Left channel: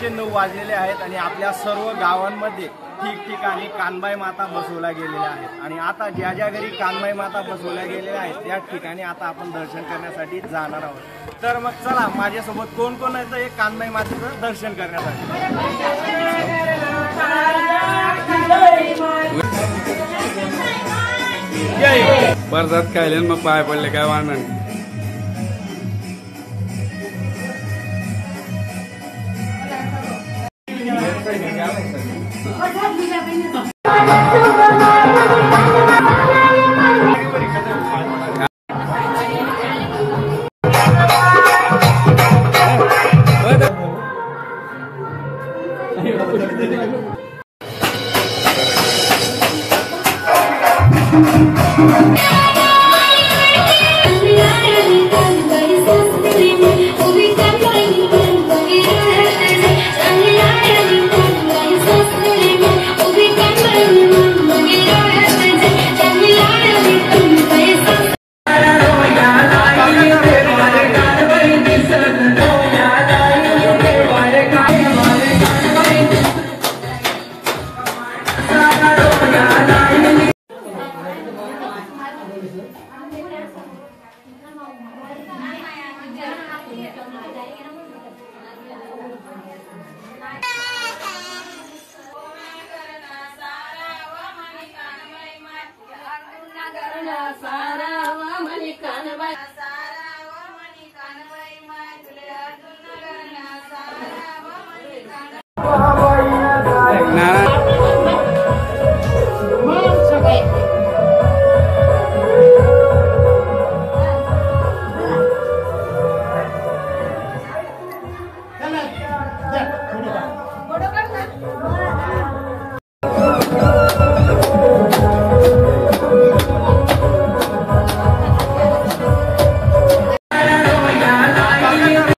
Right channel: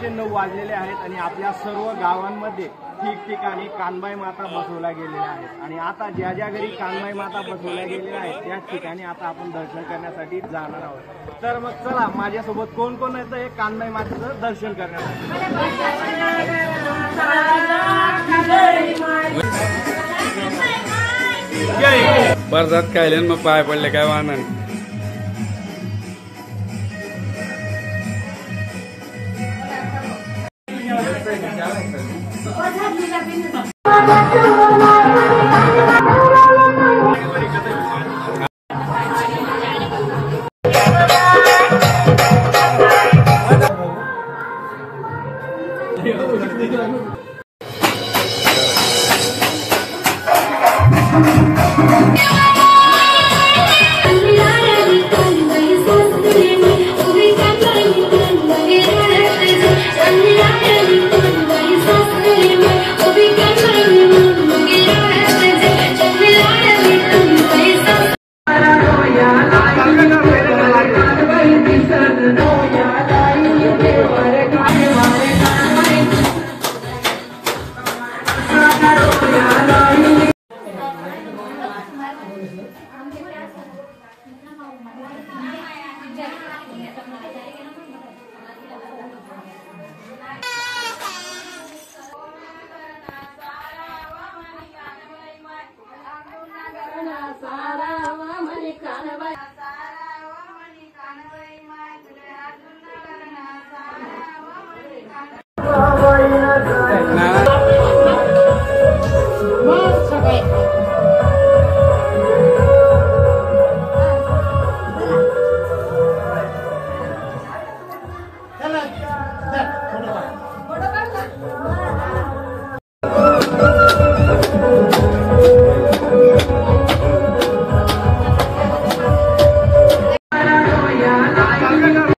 9:09 वाजलेले आहेत आणि आपल्या सर्व गावांमध्ये ठिकठिकाणी कानबाई माता बसवल्या गेलेल्या आहेत आणि आता ज्या ज्या घरी कानबाई माता बसवल्या गेलेल्या आहेत त्या ठिकाणी आता आपण दर्शन करण्यासाठी जाणार आहोत। तर मग चला माझ्यासोबत कोण कोण आहे तर हे कानबाई मातेचं दर्शन करण्यासाठी। परसाद खायले मग पाय पडले काय वाहन